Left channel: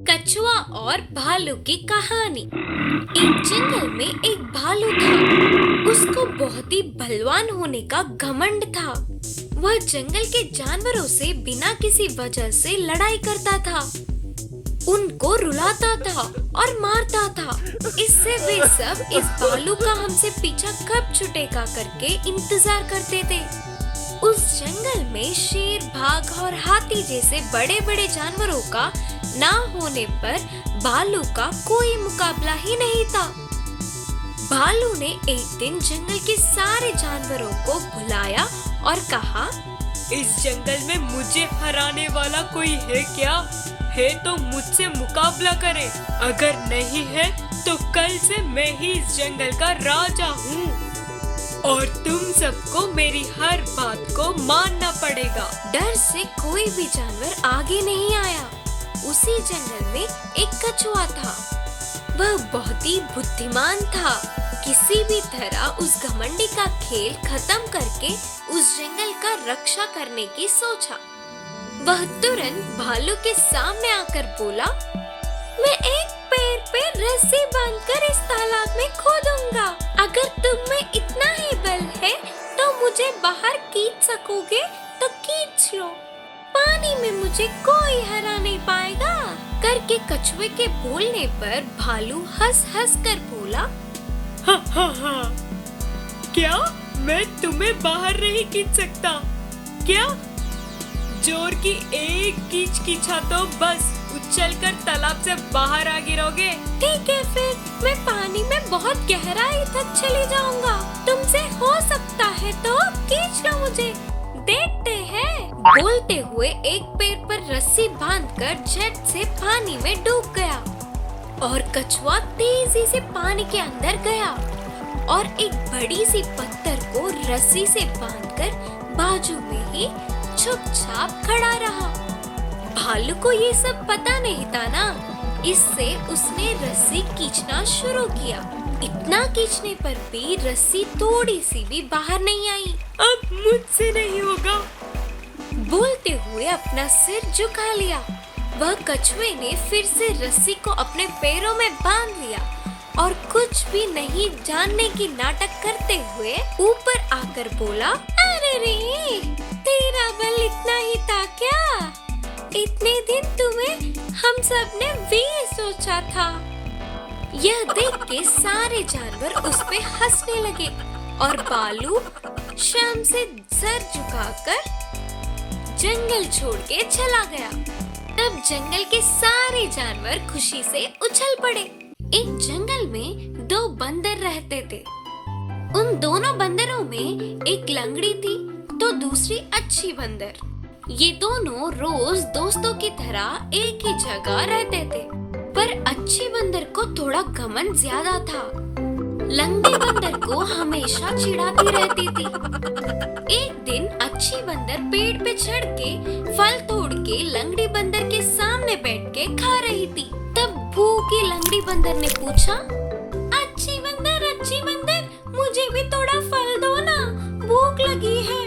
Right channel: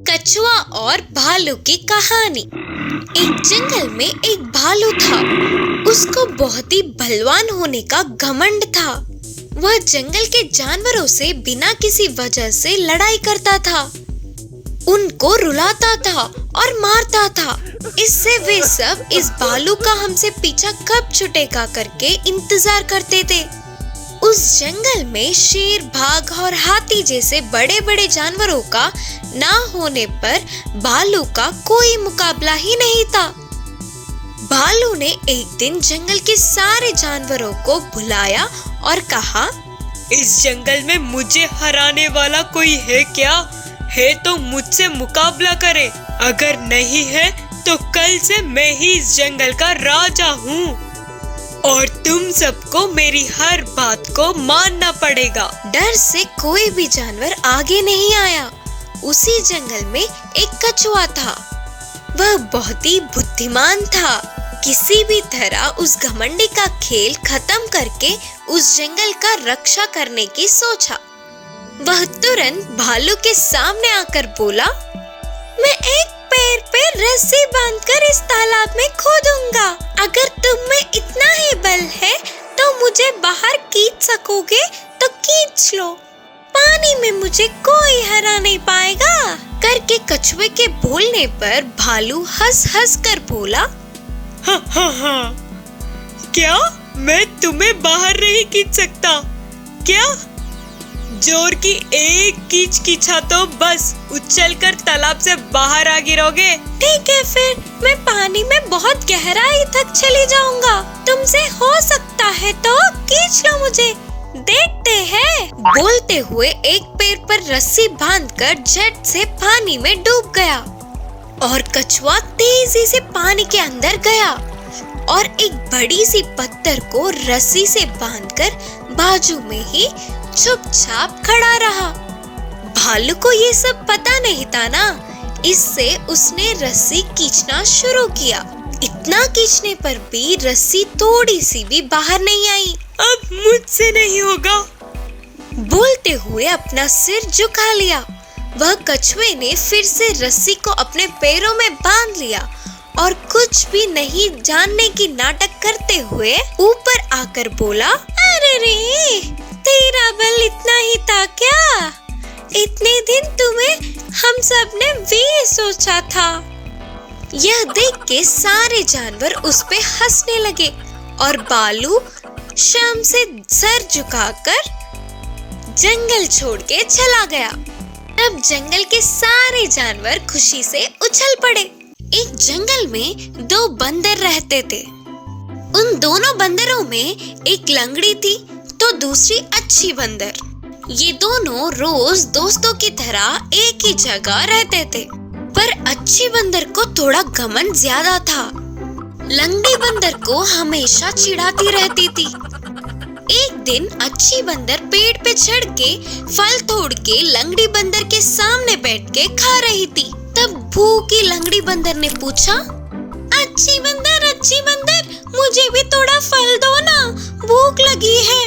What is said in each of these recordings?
कछुआ और भालू की कहानी। एक जंगल में एक भालू था। उसको बहुत ही बलवान होने का घमंड था। वह जंगल के जानवरों से बिना किसी वजह से लड़ाई करता था, उनको रुलाता था और मारता था। इससे वे सब इस भालू का हमसे पीछा कब छूटेगा करके इंतजार करते थे। उस जंगल में शेर, बाघ और हाथी जैसे बड़े बड़े जानवरों का ना होने पर भालू का कोई मुकाबला ही नहीं था। भालू ने एक दिन जंगल के सारे जानवरों को बुलाया और कहा, इस जंगल में मुझे हराने वाला कोई है क्या? है तो मुझसे मुकाबला करे, अगर नहीं है तो कल से मैं ही इस जंगल का राजा हूँ और तुम सबको मेरी हर बात को मानना पड़ेगा। डर से कोई भी जानवर आगे नहीं आया। उसी जंगल में एक कछुआ था। वह बहुत ही बुद्धिमान था। किसी भी तरह उस घमंडी का खेल खत्म करके उस जंगल का रक्षा करने की सोचा। वह तुरंत भालू के सामने आकर बोला, मैं एक पैर पे रस्सी बांधकर इस तालाब में खो दूंगा। अगर तुम में इतना ही बल है तो मुझे बाहर खींच सकोगे तो खींच लो। पानी में मुझे कोई हरा नहीं पाएगा। करके कछुए के बोलने पर भालू हंस हंस कर बोला, हा। क्या मैं तुम्हें बाहर नहीं खींच सकता क्या? जोर की एक कीच कीछा तो बस उछलकर तालाब से बाहर आ गिरोगे। ठीक है, फिर मैं पानी में बहुत गहराई तक चली जाऊंगा। तुमसे हो सकता है तो खींच लो मुझे, देखते हैं। बोलते हुए एक पैर पर रस्सी बांधकर झट से पानी में डूब गया और कछुआ तेजी से पानी के अंदर गया और एक बड़ी सी पत्थर को रस्सी से बांधकर बाजू में ही चुपचाप खड़ा रहा। भालू को ये सब पता नहीं था ना, इससे उसने रस्सी खींचना शुरू किया। इतना खींचने पर भी रस्सी थोड़ी सी भी बाहर नहीं आई। अब मुझसे नहीं होगा, बोलते हुए अपना सिर झुका लिया। वह कछुए ने फिर से रस्सी को अपने पैरों में बांध लिया और कुछ भी नहीं जानने की नाटक करते हुए ऊपर आकर बोला, अरे रे, तेरा बल इतना ही था क्या? इतने दिन तुम्हें हम सब ने भी सोचा था। यह देख के सारे जानवर उस पे हंसने लगे और भालू शर्म से सर झुकाकर जंगल छोड़ के चला गया। तब जंगल के सारे जानवर खुशी से उछल पड़े। एक जंगल में दो बंदर रहते थे। उन दोनों बंदरों में एक लंगड़ी थी तो दूसरी अच्छी बंदर। ये दोनों रोज दोस्तों की तरह एक ही जगह रहते थे, पर अच्छी बंदर को थोड़ा घमंड ज्यादा था। लंगड़ी बंदर को हमेशा चिढ़ाती रहती थी। एक दिन अच्छी बंदर पेड़ पे चढ़ के फल तोड़ के लंगड़ी बंदर के सामने बैठ के खा रही थी। तब भूखी लंगड़ी बंदर ने पूछा, अच्छी बंदर, मुझे भी थोड़ा फल दो ना, भूख लगी है।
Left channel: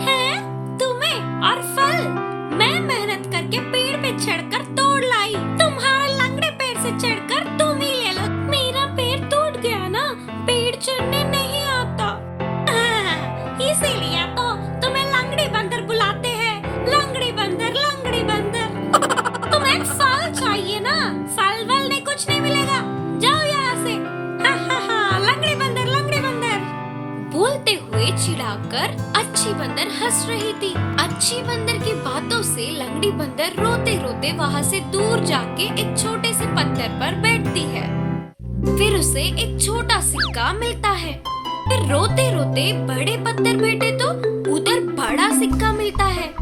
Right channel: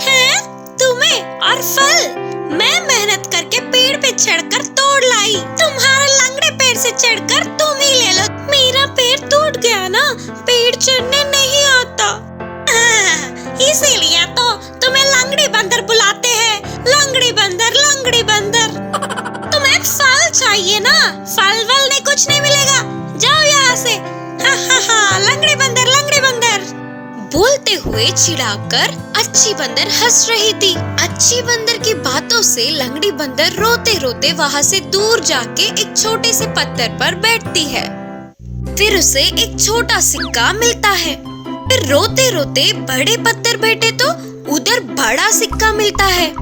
हैं? तुम्हें और फल? मैं मेहनत करके पेड़ पे चढ़कर तोड़ लाई, तुम्हारा लंगड़े पैर से चढ़कर तुम ही ले लो। मेरा पैर टूट गया ना, पेड़ चढ़ने नहीं आता। इसीलिए तो तुम्हें लंगड़ी बंदर बुलाते हैं। लंगड़ी बंदर तुम्हें फल चाहिए ना, फल वल नहीं, कुछ नहीं मिलेगा, जाओ यहाँ से। लंगड़ी बंदर बोलते हुए चिढ़ाकर अच्छी बंदर हंस रही थी। अच्छी बंदर की बातों से लंगड़ी बंदर रोते रोते वहाँ से दूर जाके एक छोटे से पत्थर पर बैठती है। फिर उसे एक छोटा सिक्का मिलता है। फिर रोते रोते बड़े पत्थर बैठे तो उधर बड़ा सिक्का मिलता है।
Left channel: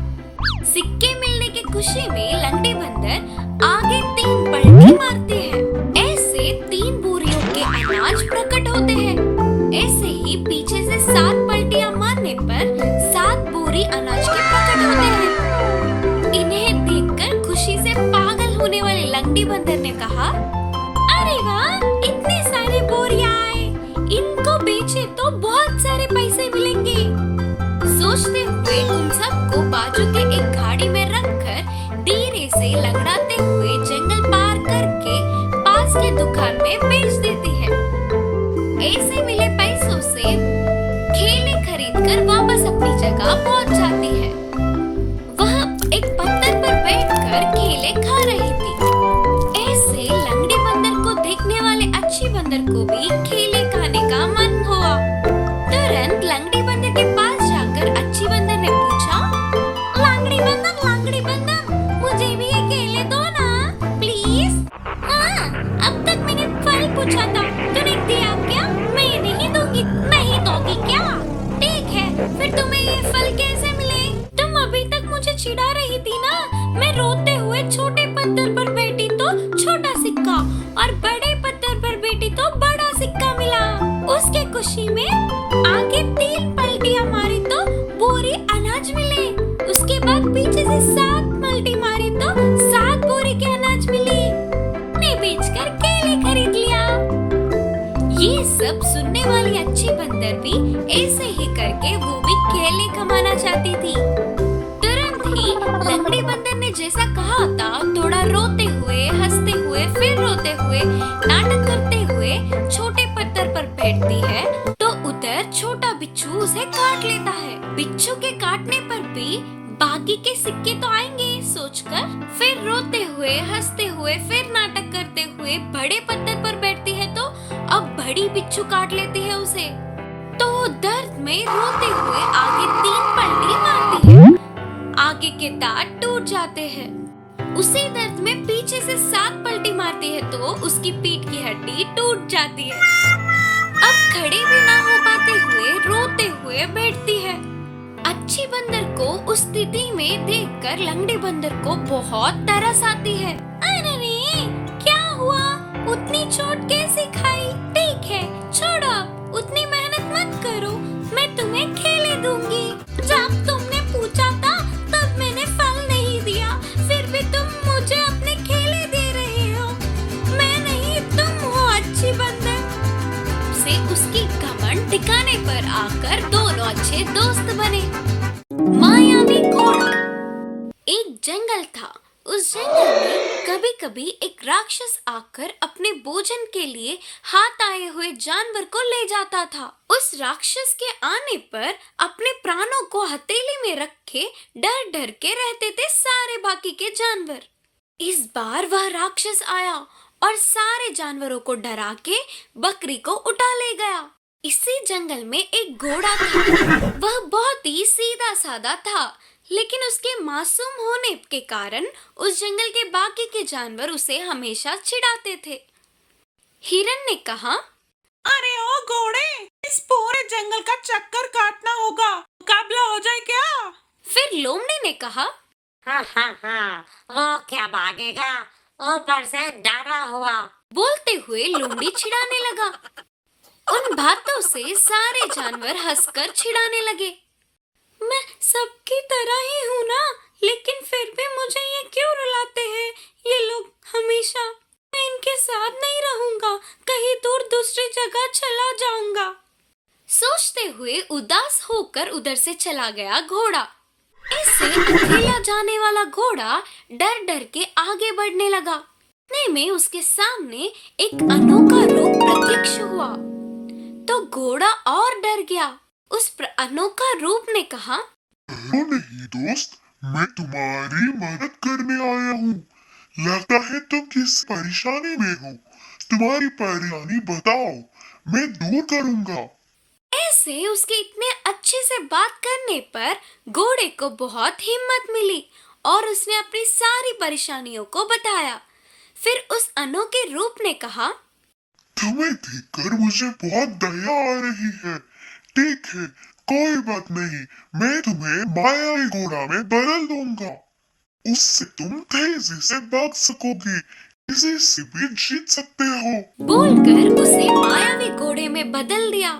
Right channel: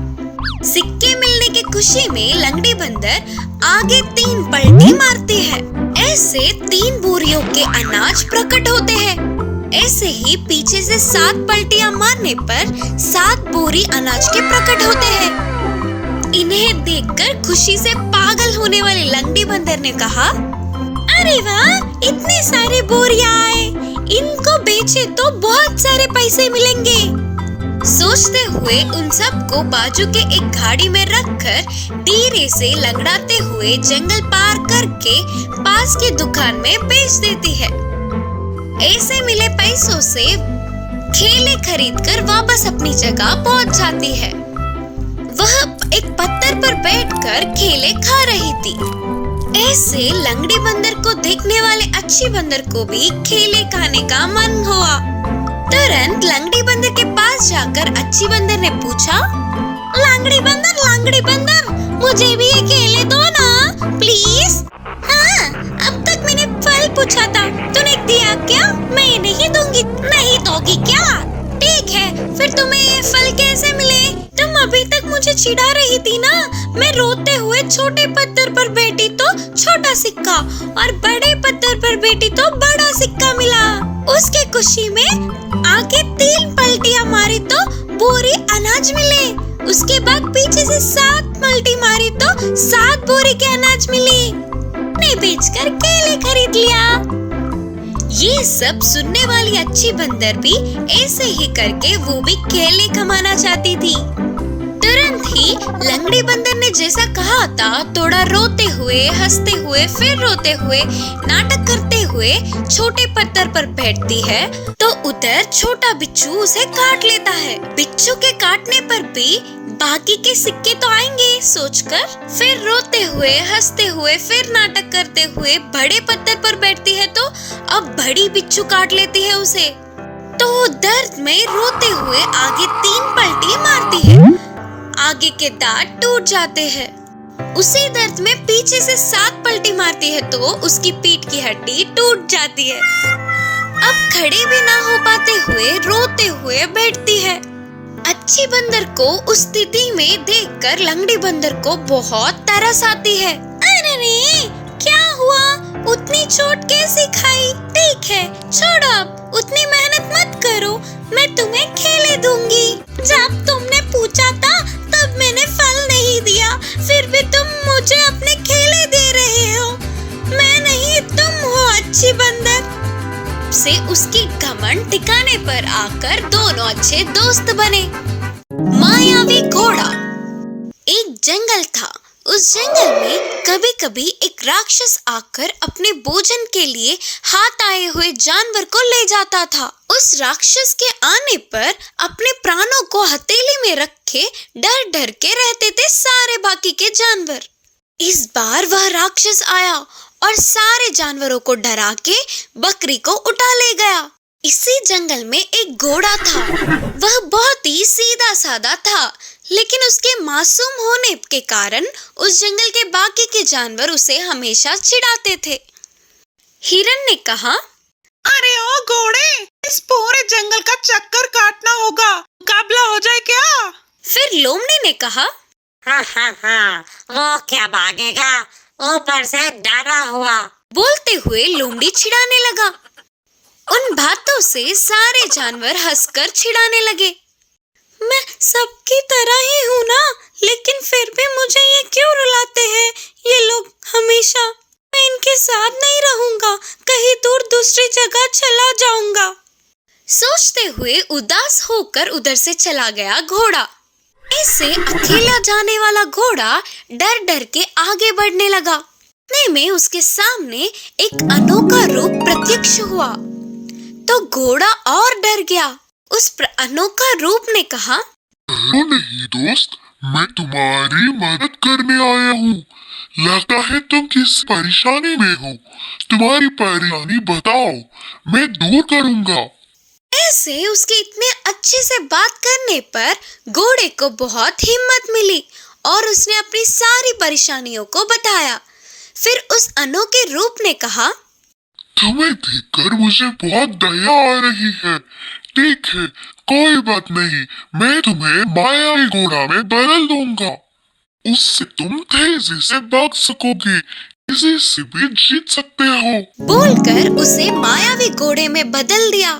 सिक्के मिलने की खुशी में लंगड़ी बंदर आगे 3 पलटी मारती है। ऐसे 3 बोरियों के अनाज प्रकट होते हैं। ऐसे ही पीछे से 7 पलटियां मारने पर 7 बोरी अनाज के प्रकट होते हैं। इन्हें देखकर खुशी से पागल होने वाली लंगड़ी बंदर ने कहा, अरे वाह, इतने सारे बोरियां आए, इनको बेचे तो बहुत सारे पैसे मिलेंगे। सोचते हुए उन सबको बाजू के एक गाड़ी में रखकर धीरे से लंगड़ाते हुए जंगल पार करके पास के दुकान में बेच देती है। ऐसे मिले पैसों से केले खरीदकर वापस अपनी जगह पहुंच जाती है। वह एक पत्थर पर बैठकर केले खा रही थी। ऐसे लंगड़ी बंदर को देखने वाले अच्छी बंदर को भी केले खाने का मन हुआ। तुरंत लंगड़ी बंदर के पास जाकर अच्छी बंदर ने पूछा, लंगड़ी बंदर मुझे भी ये केले दो ना प्लीज। हाँ, अब तक मैंने फल पूछा था, तूने दिया क्या? मैं नहीं दूंगी। नहीं दोगी क्या? ठीक है, फिर तुम्हें ये फल कैसे मिले? तुम अभी तक मुझे चिढ़ा रही थी ना। मैं रोते हुए छोटे पत्थर पर बैठी तो छोटा सिक्का और बड़े पत्थर पर बैठी तो बड़ा सिक्का मिला। उसके खुशी में आगे 3 पलटियां मारी तो बोरी अनाज मिले। उसके बाद पीछे से 7 पलटी मारी तो 7 बोरी के अनाज मिली। ने बेचकर केले खरीद लिया। ये सब सुनने वाली अच्छी बंदर भी ऐसे ही करके वो भी केले कमाना चाहती थी। तुरंत ही लंगड़ी बंदर ने जैसा कहा था, थोड़ा रोते हुए, हंसते हुए, फिर रोते हुए, नाटक करते हुए छोटे पत्थर पर बैठती है तो उधर छोटा बिच्छू उसे काट लेता है। बिच्छू के काटने पर भी बाकी के सिक्के तो आएंगे सोचकर फिर रोते हुए, हंसते हुए, फिर नाटक करते हुए बड़े पत्थर पर बैठती है तो अब बड़ी बिच्छू काट लेती है उसे। तो दर्द में रोते हुए आगे 3 पलटी मारती है। आगे के दांत टूट जाते हैं। उसी दर्द में पीछे से 7 पलटी मारती है तो उसकी पीठ की हड्डी टूट जाती है। अब खड़े भी ना हो पाते हुए रोते हुए बैठती है। अच्छी बंदर को उस स्थिति में देखकर लंगड़ी बंदर को बहुत तरस आती है। अरे रे, क्या हुआ? उतनी चोट कैसे खाई? ठीक है, छोड़ो अब, उतनी मेहनत मत करो, मैं तुम्हें केले दूंगी। जब तुमने पूछा था तब मैंने फल नहीं दिया, फिर भी तुम मुझे अपने केले दे रहे हो। मैं नहीं, तुम हो अच्छी बंदर। से उसकी घमंड ठिकाने पर आकर दोनों अच्छे दोस्त बने। मायावी घोड़ा। एक जंगल था। उस जंगल में कभी कभी एक राक्षस आकर अपने भोजन के लिए हाथ आए हुए जानवर को ले जाता था। उस राक्षस के आने पर अपने प्राणों को हथेली में रखे डर डर के रहते थे सारे बाकी के जानवर। इस बार वह राक्षस आया और सारे जानवरों को डरा के बकरी को उठा ले गया। इसी जंगल में एक घोड़ा था। वह बहुत ही सीधा साधा था, लेकिन उसके मासूम होने के कारण उस जंगल के बाकी के जानवर उसे हमेशा चिढ़ाते थे। हिरन ने कहा, अरे ओ घोड़े, इस पूरे जंगल का चक्कर काटना होगा, मुकाबला हो जाए क्या? फिर लोमड़ी ने कहा, हाँ, वो क्या भागेगा, ऊपर से डरा हुआ। बोलते हुए लोमड़ी चिढ़ाने लगा। उन बातों से सारे जानवर हंसकर चिढ़ाने लगे। मैं सबकी तरह ही हूँ ना, लेकिन फिर भी मुझे ये क्यों रुलाते हैं ये लोग हमेशा? मैं इनके साथ नहीं रहूंगा, कहीं दूर दूसरी जगह चला जाऊंगा। सोचते हुए उदास होकर उधर से चला गया घोड़ा। इससे अकेला जाने वाला घोड़ा डर डर के आगे बढ़ने लगा। इतने में उसके सामने एक अनोखा रूप प्रत्यक्ष हुआ तो घोड़ा और डर गया। उस अनोखा रूप ने कहा, नहीं दोस्त, मैं तुम्हारी मदद करने आया हूँ। लगता है तुम किस परेशानी में हो। तुम्हारी परेशानी बताओ, मैं दूर करूँगा। ऐसे उसके इतने अच्छे से बात करने पर घोड़े को बहुत हिम्मत मिली और उसने अपनी सारी परेशानियों को बताया। फिर उस अनोखे रूप ने कहा, तुम्हें देखकर मुझे बहुत दया आ रही है। ठीक है, कोई बात नहीं, मैं तुम्हें मायावी घोड़ा में बदल दूंगा। उससे तुम तेजी से भाग सकोगे, किसी से भी जीत सकते हो। बोलकर उसे मायावी घोड़े में बदल दिया।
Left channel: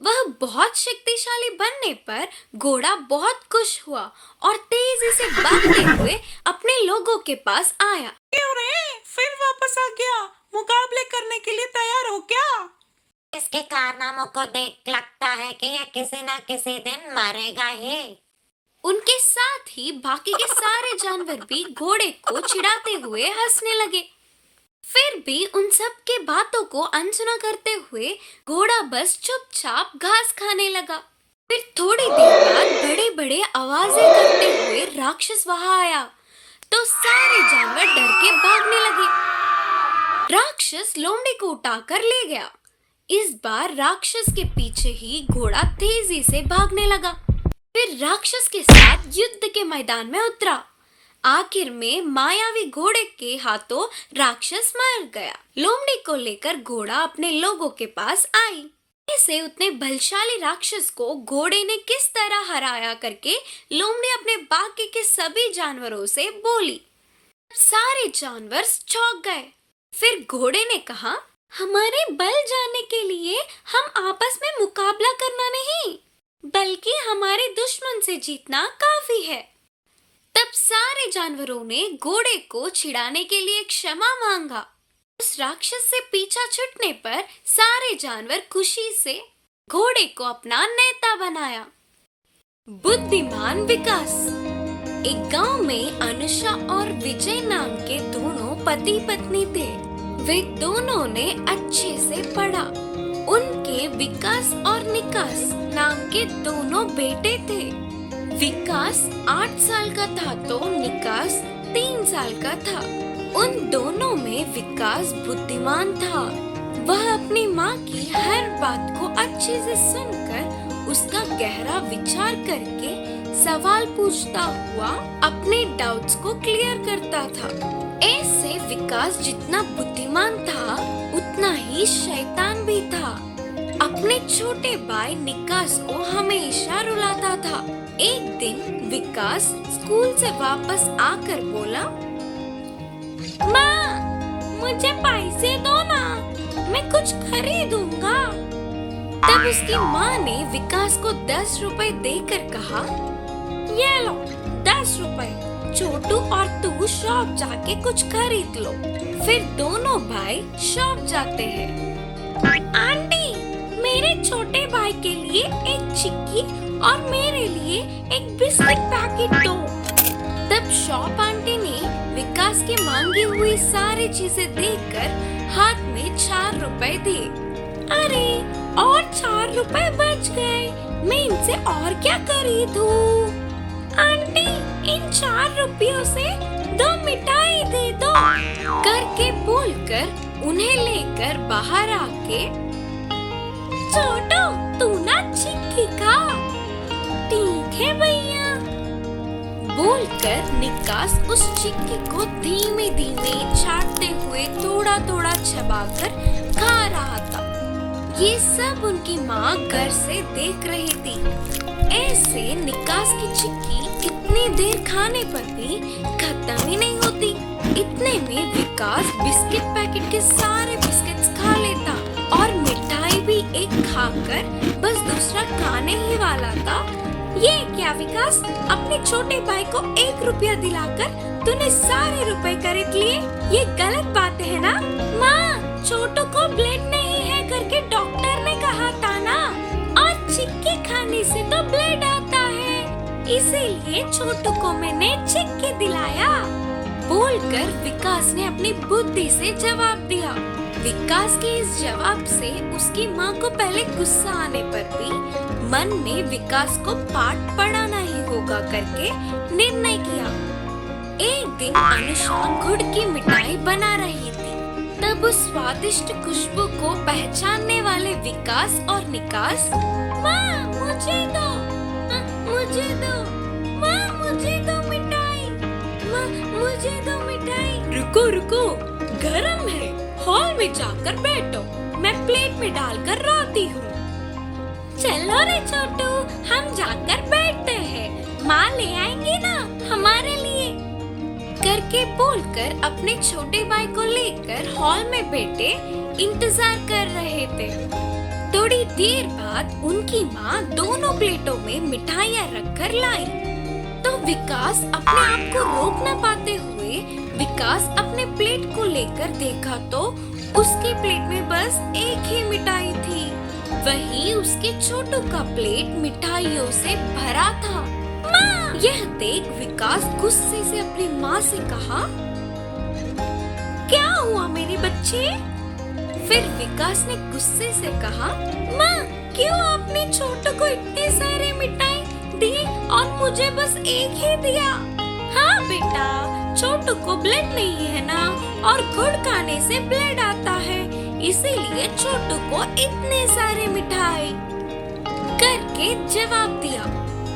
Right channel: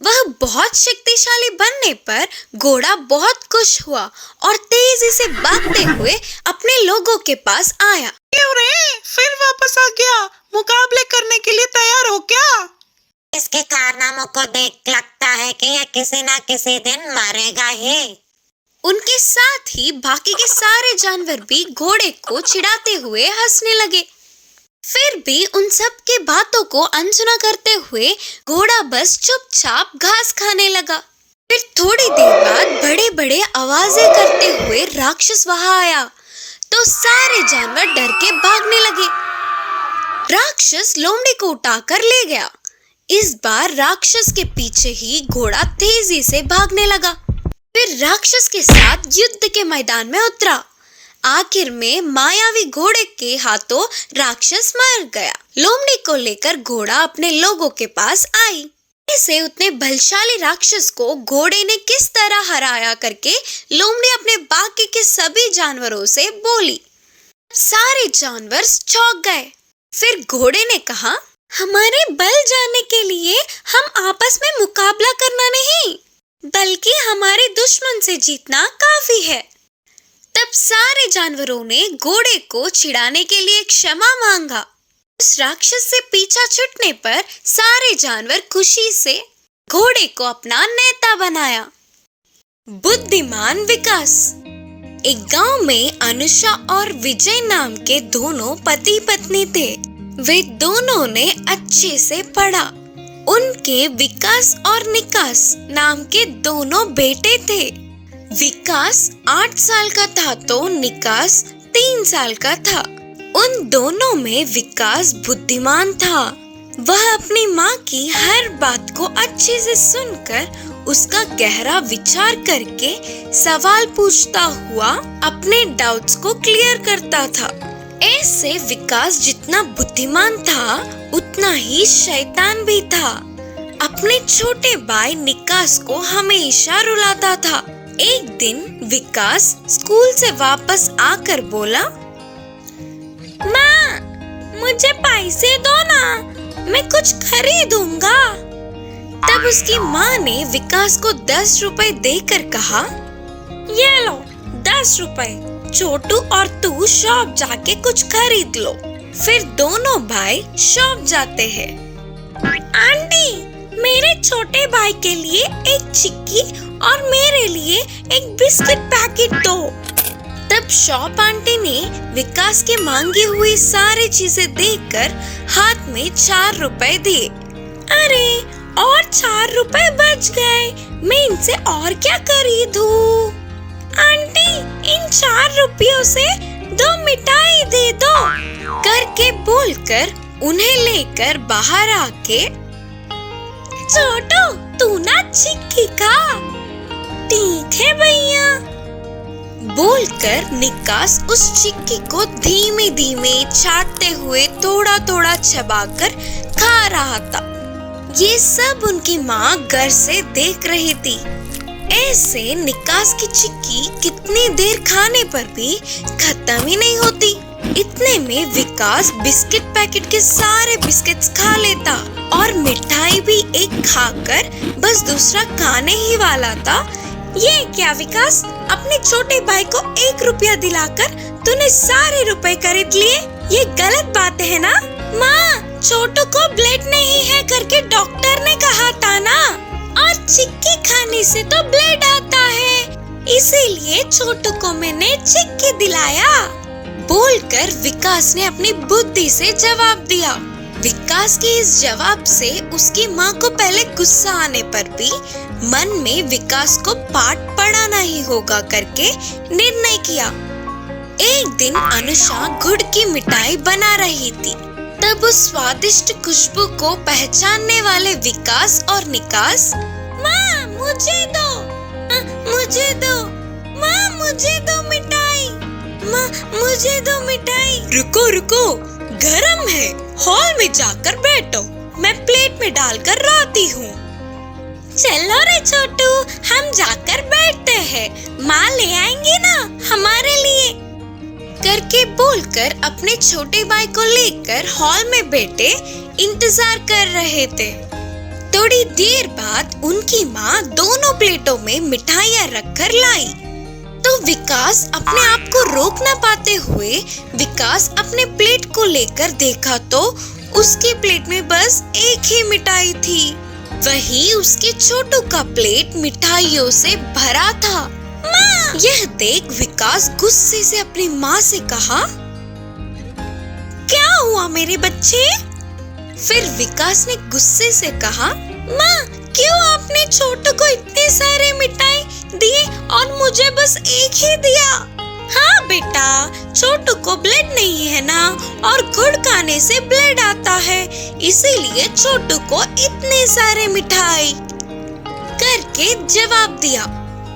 वह बहुत शक्तिशाली बनने पर घोड़ा बहुत खुश हुआ और तेजी से भागते हुए अपने लोगों के पास आया। क्यों रे, फिर वापस आ गया? मुकाबले करने के लिए तैयार हो क्या? इसके कारनामों को देख लगता है कि ये किसी ना किसी दिन मरेगा ही। उनके साथ ही बाकी के सारे जानवर भी घोड़े को चिढ़ाते हुए हंसने लगे। फिर भी उन सब के बातों को अनसुना करते हुए घोड़ा बस चुपचाप घास खाने लगा। फिर थोड़ी देर बाद बड़े बड़े आवाजें करते हुए राक्षस वहां आया तो सारे जानवर डर के भागने लगे। राक्षस लोमड़ी को उठाकर ले गया। इस बार राक्षस के पीछे ही घोड़ा तेजी से भागने लगा। फिर राक्षस के साथ युद्ध के मैदान में उतरा। आखिर में मायावी घोड़े के हाथों राक्षस मर गया। लोमड़ी को लेकर घोड़ा अपने लोगों के पास आई। इसे उतने बलशाली राक्षस को घोड़े ने किस तरह हराया करके लोमड़ी अपने बाकी के सभी जानवरों से बोली। सारे जानवर चौंक गए। फिर घोड़े ने कहा, हमारे बल जानने के लिए हम आपस में मुकाबला करना नहीं, बल्कि हमारे दुश्मन से जीतना काफी है। तब सारे जानवरों ने घोड़े को छिड़ाने के लिए क्षमा मांगा। उस राक्षस से पीछा छूटने पर सारे जानवर खुशी से घोड़े को अपना नेता बनाया। बुद्धिमान विकास। एक गांव में अनुषा और विजय नाम के दोनों पति पत्नी थे। वे दोनों ने अच्छे से पढ़ा। उनके विकास और निकास नाम के दोनों बेटे थे। विकास 8 साल का था तो निकास 3 साल का था। उन दोनों में विकास बुद्धिमान था। वह अपनी माँ की हर बात को अच्छे से सुनकर उसका गहरा विचार करके सवाल पूछता हुआ अपने डाउट्स को क्लियर करता था। ऐसे विकास जितना बुद्धिमान था उतना ही शैतान भी था। अपने छोटे भाई निकास को हमेशा रुलाता था। एक दिन विकास स्कूल से वापस आकर बोला, माँ, मुझे पैसे दो ना, मैं कुछ खरीदूंगा। तब उसकी माँ ने विकास को 10 रुपए देकर कहा, ये लो 10 रुपए, छोटू और तू शॉप जाके कुछ खरीद लो। फिर दोनों भाई शॉप जाते हैं। आंटी, मेरे छोटे भाई के लिए एक चिक्की और मेरे लिए एक बिस्किट पैकेट दो। तब शॉप आंटी ने विकास के मांगी हुई सारी चीजें देखकर हाथ में 4 रुपए दिए। अरे, और 4 रुपए बच गए, मैं इनसे और क्या खरीदूं? आंटी, इन 4 रुपयों से 2 मिठाई दे दो करके बोलकर उन्हें लेकर बाहर आके, छोटू, तू ना चिक्की खा। ठीक है भैया, बोलकर निकास उस चिक्की को धीमे धीमे चाटते हुए थोड़ा थोड़ा चबाकर खा रहा था। ये सब उनकी माँ घर से देख रही थी। ऐसे निकास की चिक्की कितनी देर खाने पर भी खत्म ही नहीं होती। इतने में विकास बिस्किट पैकेट के सारे बिस्किट्स खा लेता और मिठाई भी एक खाकर बस दूसरा खाने ही वाला था। ये क्या विकास, अपने छोटे भाई को 1 रुपया दिलाकर तूने सारे रुपए खरीद लिए? ये गलत बात है ना? माँ, छोटू को ब्लड नहीं है करके डॉक्टर ने कहा था ना, और चिक्की खाने से तो ब्लड आता है, इसीलिए छोटू को मैंने चिक्की दिलाया। बोलकर विकास ने अपनी बुद्धि से जवाब दिया। विकास के इस जवाब से उसकी माँ को पहले गुस्सा आने पर भी मन में विकास को पाठ पढ़ाना ही होगा करके निर्णय किया। एक दिन अनुषा गुड़ की मिठाई बना रही थी। तब उस स्वादिष्ट खुशबू को पहचानने वाले विकास और निकास, माँ मुझे दो, मुझे दो, माँ मुझे दो मिठाई, माँ मुझे दो मिठाई। रुको रुको, गरम है, हॉल में जाकर बैठो, मैं प्लेट में डालकर लाती हूँ। चलो रे छोटू, हम जाकर बैठते हैं, माँ ले आएंगी ना हमारे लिए करके बोलकर अपने छोटे भाई को लेकर हॉल में बैठे इंतजार कर रहे थे। थोड़ी देर बाद उनकी माँ दोनों प्लेटों में मिठाइयाँ रखकर लाई तो विकास अपने आप को रोक न पाते हुए विकास अपने प्लेट को लेकर देखा तो उसके प्लेट में बस एक ही मिठाई थी। वही उसके छोटू का प्लेट मिठाइयों से भरा था। माँ! यह देख विकास गुस्से से अपनी माँ से कहा, क्या हुआ मेरे बच्चे? फिर विकास ने गुस्से से कहा, माँ, क्यों आपने छोटू को इतने सारे मिठाई दिए और मुझे बस एक ही दिया? हाँ बेटा, छोटू को ब्लड नहीं है ना, और गुड़ खाने से ब्लड आता है, इसीलिए छोटू को इतने सारे मिठाई करके जवाब दिया।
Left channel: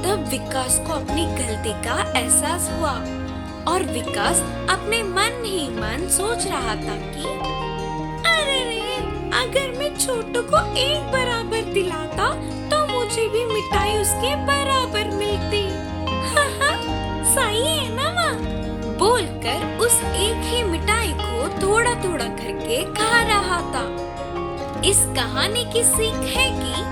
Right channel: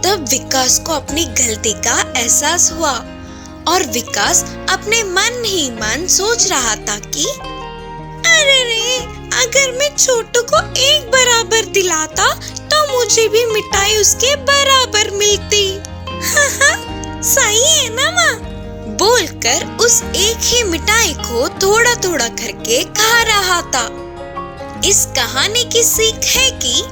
तब विकास को अपनी गलती का एहसास हुआ और विकास अपने मन ही मन सोच रहा था कि अरे रे, अगर मैं छोटू को एक बराबर दिलाता तो मुझे भी मिठाई उसके बराबर मिलती। सही है ना माँ? बोलकर उस एक ही मिठाई को थोड़ा थोड़ा करके खा रहा था। इस कहानी की सीख है कि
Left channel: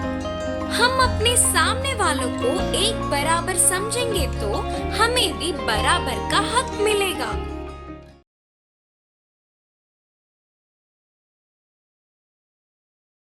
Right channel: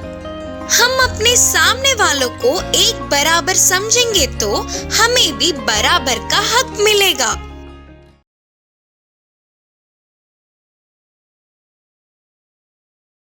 हम अपने सामने वालों को एक बराबर समझेंगे तो हमें भी बराबर का हक मिलेगा।